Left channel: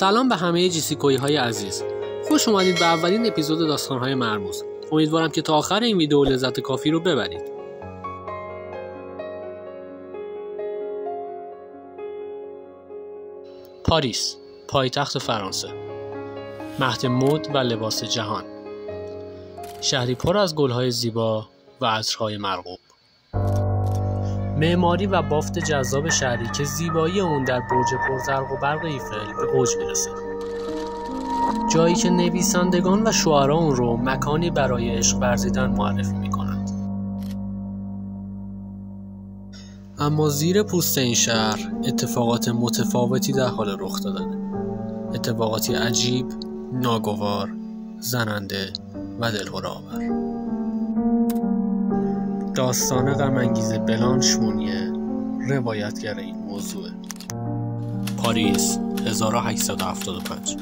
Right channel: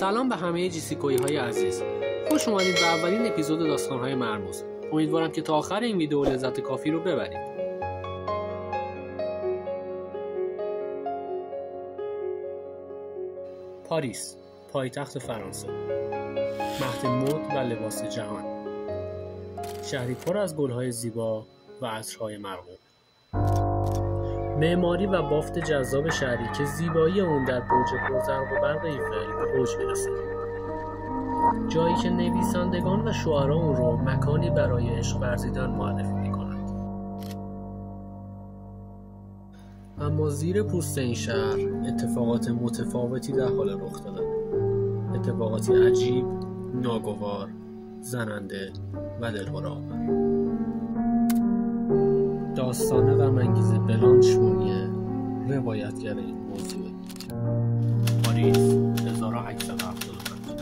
سلام به همه جیسیکویی های عزیز. خوش اومدید به اولین اپیزود داستان‌های مرموز. امیدوارم که تا آخر این ویدیو لذت کافی رو ببرید. پاریس، پایتخت فرانسه. مهد مد و لباس جهان. شهری پر از گل‌های زیبا و عطرهای مرغوب. معماری و بافت جذاب شهری که زیبایی اون در برج پرزرق و برق ایفل به اوج میرسه. جایی که نویسندگان و شعرا اون رو مکانی برای عشق ورزیدن معرفی میکنند. اما زیر پوست این شهر اتفاقات متفاوتی در حال رخ دادن. اتفاقاتی عجیب، ناگوار، زننده و دلهره‌آور. داستان غم‌انگیز بلانش مونیه روایتگر این موضوع. پاریس 1875.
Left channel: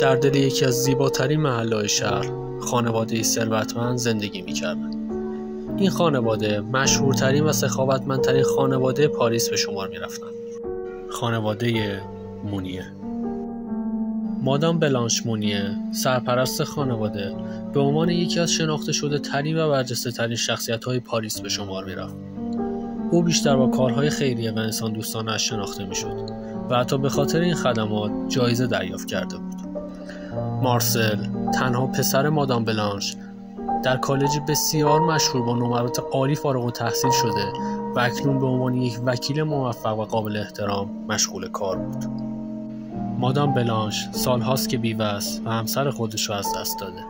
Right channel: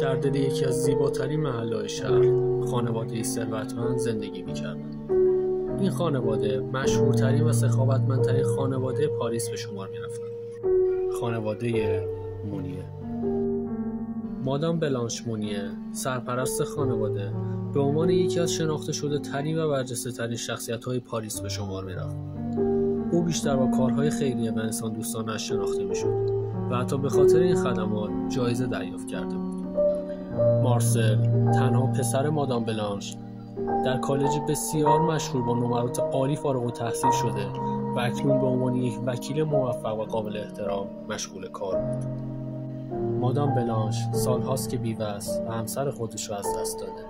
در دل یکی از زیباترین محله‌های شهر خانواده‌ای ثروتمند زندگی می‌کردند. این خانواده مشهورترین و سخاوتمندترین خانواده پاریس به شمار می‌رفتند. خانواده مونیه. مادام بلانش مونیه، سرپرست خانواده، به عنوان یکی از شناخته شده ترین و برجسته ترین شخصیت‌های پاریس به شمار می‌رفت. او بیشتر با کارهای خیریه و انسان دوستانه‌اش شناخته می‌شد و حتی به خاطر این خدمات جایزه دریافت کرده بود. مارسل، تنها پسر مادام بلانش، در کالجی بسیار مشهور با نمرات عالی فارغ التحصیل شده و اکنون به عنوان یک وکیل موفق و قابل احترام مشغول کار بود. مادام بلانش سالهاست که بیوه است و همسر خودش را از دست داده.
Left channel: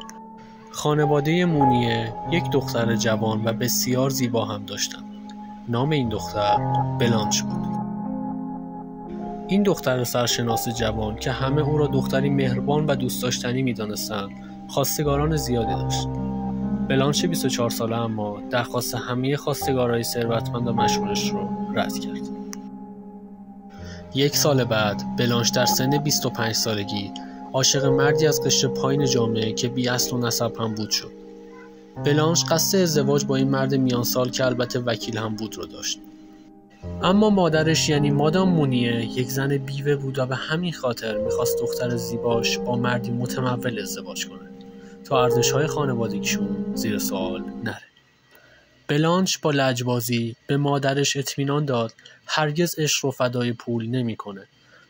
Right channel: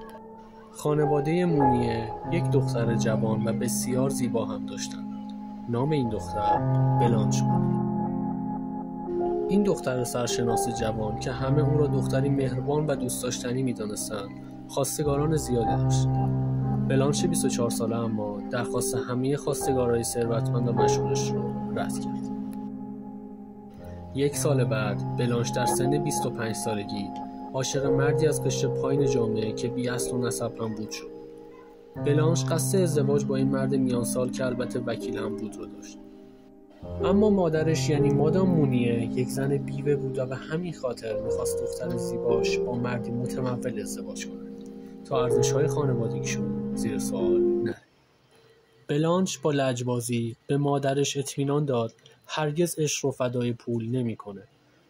خانواده مونیه یک دختر جوان و بسیار زیبا هم داشتند. نام این دختر بلانش بود. این دختر سرشناس جوان که همه او را دختری مهربان و دوست داشتنی می‌دانستند، خواستگاران زیادی داشت. بلانش 24 ساله اما درخواست همه خواستگارای ثروتمند و مشهورش رو رد کرد. یک سال بعد بلانش در سن 25 سالگی عاشق مردی از قشر پایین جامعه که بی اصل و نسب هم بود شد. بلانش قصد ازدواج با این مرد میان سال که البته وکیل هم بود رو داشت. اما مادرش یعنی مادام مونیه یک زن بیوه بود و به همین خاطر میخواست دختر زیباش با مردی متمول ازدواج کنه تا ارزش‌های خانوادگیشون زیر سوال نره. بلانش با لجبازی به مادرش اطمینان داد هرگز عشق رو فدای پول نمی‌کنه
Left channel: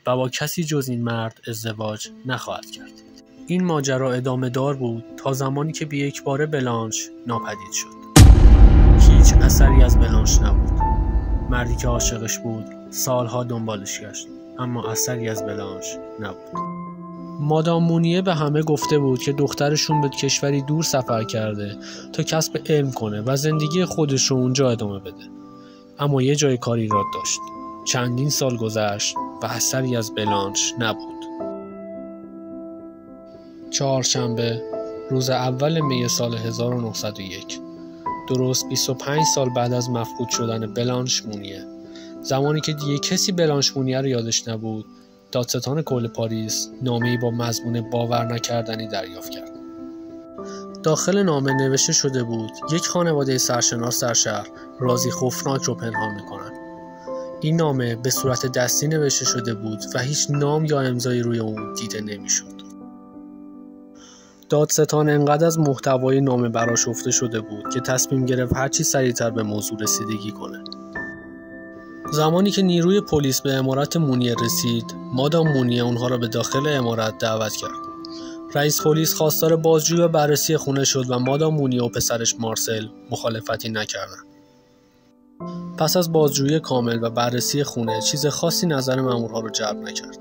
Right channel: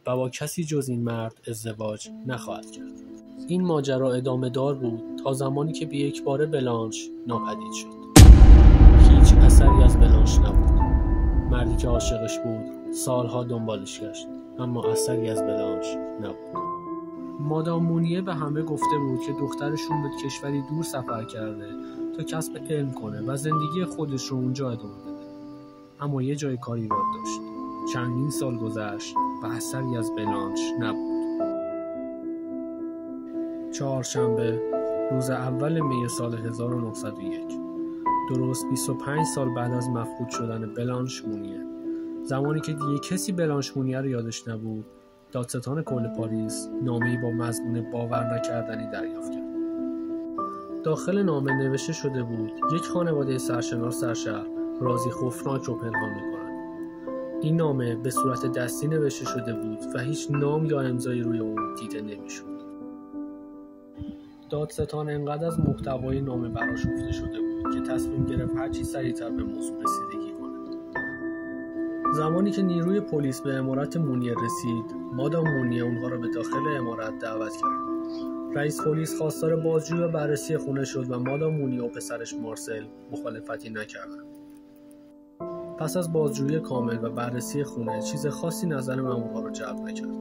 و با کسی جز این مرد ازدواج نخواهد کرد. این ماجرا ادامه دار بود تا زمانی که به یک باره بلانش ناپدید شد. هیچ اثری از بلانش نبود. مردی که عاشقش بود سالها دنبالش گشت اما اثری از بلانش نبود. مادام مونیه به همه گفته بود که دخترشون به کشوری دور سفر کرده تا کسب علم کنه و زندگی خودش رو اونجا ادامه بده. اما یه جای کار ایراد داشت. چندین سال گذشت و اثری از بلانش نبود. چهارشنبه روز اول می سال 1901، درست 25 سال بعد از مفقود شدن بلانش مونیه، زمانی که دیگه کسی بلانش مونیه رو یادش نبود، دادستان کل پاریس نامه‌ای با مضمون باور نکردنی دریافت کرد. داخل نامه نوشته شده بود یک خانواده سرشناس در شهر رازی خوفناک رو پنهان میکنن. این نامه به صورت دستی نوشته شده بود و هیچ نام یا امضایی روی اون دیده نمیشد. دادستان انقدر از محتوای نامه برآشفته شده بود که تصمیم گرفت هرچی سریعتر به موضوع رسیدگی کنه. زمانی که نیروی پلیس به عمارت مونیه رسید، مادام مونیه اونها را به داخل عمارت دعوت کرد. رئیس پلیس خواستار بازجویی و بررسی خونه شد و مادام مونیه و پسرش مارسل مخالفتی نکردند. پس از بازجویی کامل و بررسی خونه چیز خاصی نظر مامورها را جلب نکرد.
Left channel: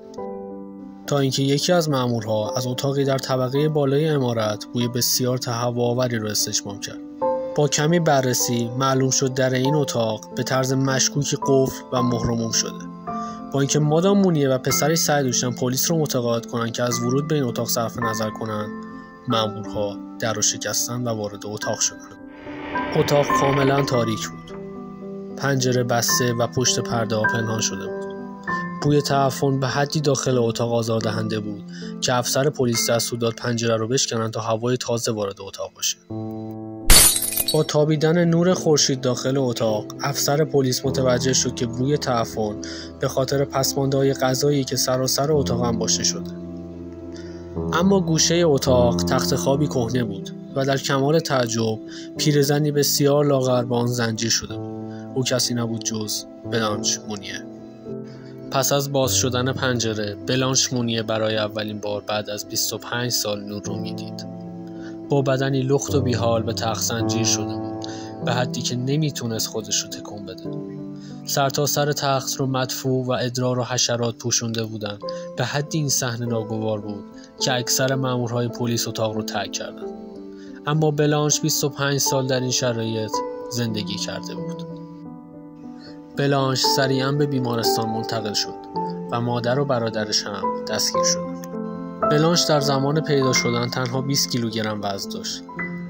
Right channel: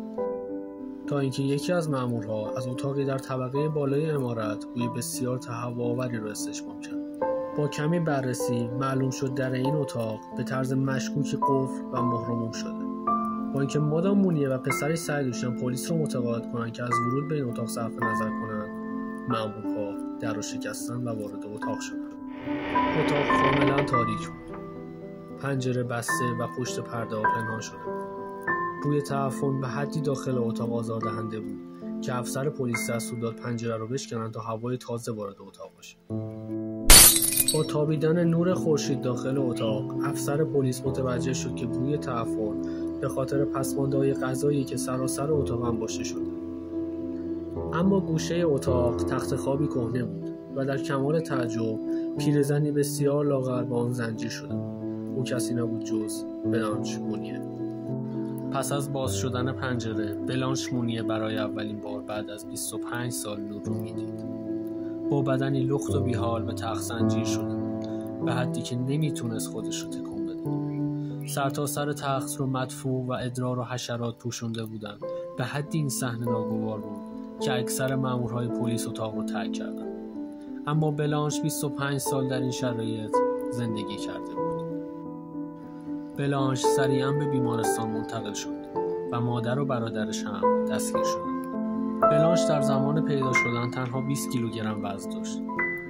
تا اینکه یکی از مامورها از اتاقی در طبقه بالای عمارت بوی بسیار تهوع‌آوری را استشمام کرد. با کمی بررسی معلوم شد در این اتاق به طرز مشکوکی قفل و مهرموم شده. با اینکه مادام مونیه و پسرش سعی داشتن پلیس رو متقاعد کنن که از ورود به این اتاق صرف نظر کنن، مامورها در رو شکستن و وارد اتاق شدند. اتاق کاملا تاریک بود. پنجره بسته و پشت پرده ها پنهان شده بود. بوی تعفن به حدی داخل اتاق آزاردهنده بود که افسر پلیس دستور داد پنجره رو بشکنن تا هوای تازه وارد اتاق باشه. با تابیدن نور خورشید داخل اتاق، افسر پلیس متوجه شد که بوی تعفن به خاطر پسمانده‌های غذایی که سراسر اتاق انباشته شده. اما گوشه اتاق تخت خوابی کهنه بود و در کمال تعجب پیرزنی بسیار لاغر به آن زنجیر شده بود. او کسی نبود جز بلانش مونیه. پس از باز شدن پنجره، بلانش مونیه برای اولین بار بعد از 25 سال نور رو میدید. با بدنی لخت و بیحال به تخت زنجیر شده بود، به حدی که نمیتونست خودش رو تکون بده. سرتاسر تخت رو مدفوع و ادرار و حشرات پوشونده بودن. به حدی این صحنه ناگوار بود که اکثر مامورهای پلیس اتاق رو ترک کردن. اما بلانش 25 سال در این شرایط زندگی کرده بود. بلانش سریعا به بیمارستان منتقل شد و مادر و برادرش هم دستگیر شدند. بلانش در زمان پیدا شدن تنها 20 کیلوگرم وزن داشت.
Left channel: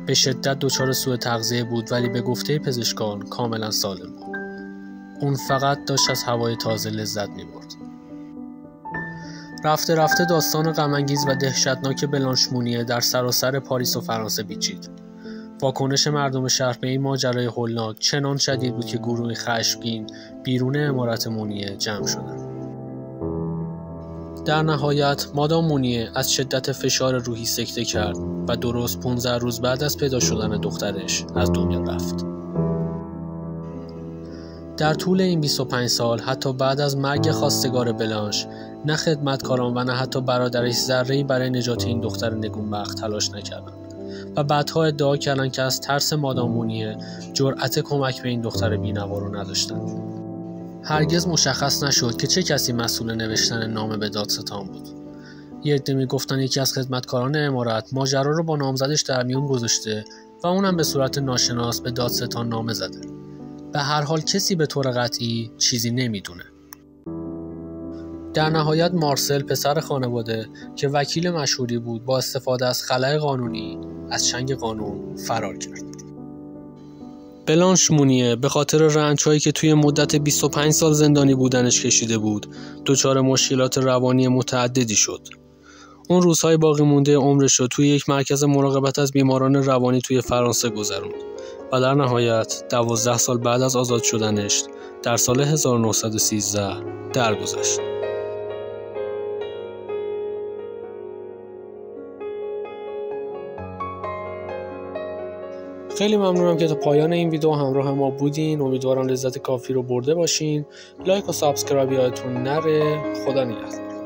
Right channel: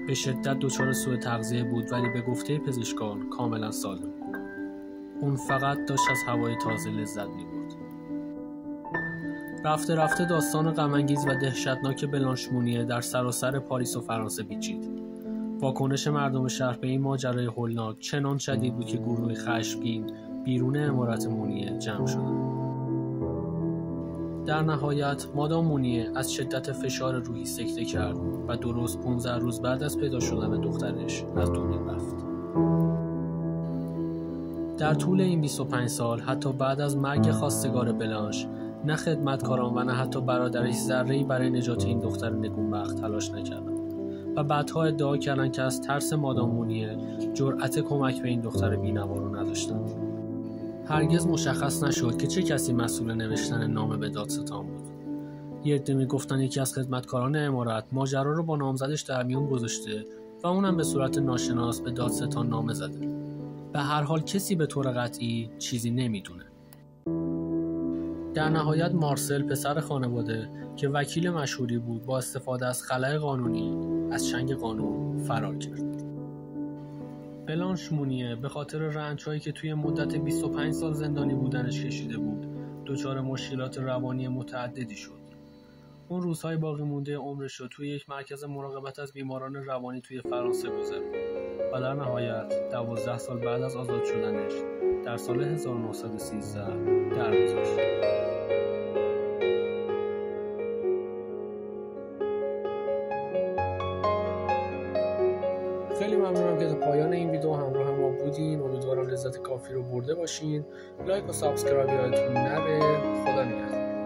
به شدت دچار سوء تغذیه بود ولی به گفته پزشکان کاملا سالم بود. اون فقط داشت از هوای تازه لذت می‌برد. رفته رفته داستان غم‌انگیز و دهشتناک بلانش مونیه در سراسر پاریس و فرانسه پیچید. واکنش مردم شهر به این ماجرای هولناک چنان شدید بود که گروهی خشمگین بیرون عمارت مونیه جمع شدند. در نهایت مادام مونیه از شدت فشار روحی سکته کرد و درست 15 روز بعد از پیدا شدن دخترش از دنیا رفت. در طول این 25 سال حتی بعد از مرگ خواستگار بلانش نه خدمتکاران و نه حتی برادرش ذره‌ای برای نجات این دختر نگونبخت تلاش نکردند و بعدها ادعا کردند که از ترس مادام مونیه جرأت کمک به این دختر بی‌نوا رو نداشتند. هرگز مشخص نشد که چه کسی مسئول نوشتن نامه به دادستان بود. یه عده میگفتن یکی از خدمتکاران عمارت ماجرا رو با نامزدش در میون گذاشته و اونم به صورت ناشناس به دادستان نامه زده. به هر حال کسی به طور قطعی چیزی نمیدونه. در نهایت مارسل پسر خانواده که وکیل مشهوری بود با استفاده از خلأ قانونی از چنگ قانون فرار کرد. بلانش مونیه به خاطر رنج‌هایی که توی مدت 25 سال زندانی بودنش کشیده بود، دچار مشکلات روانی متعددی شد. اون روزهای باقی مونده عمرش رو توی یک مرکز مراقبت از بیماران روانی توی فرانسه گذروند و در نهایت 12 سال بعد از آزاد شدنش در سال 1913 درگذشت. خیلی ممنونم که تا پایان این ویدیو همراه ما بودین. امیدوارم لذت کافی رو برده باشین. لایک و سابسکرایب یادتون نره. خدا نگهدار.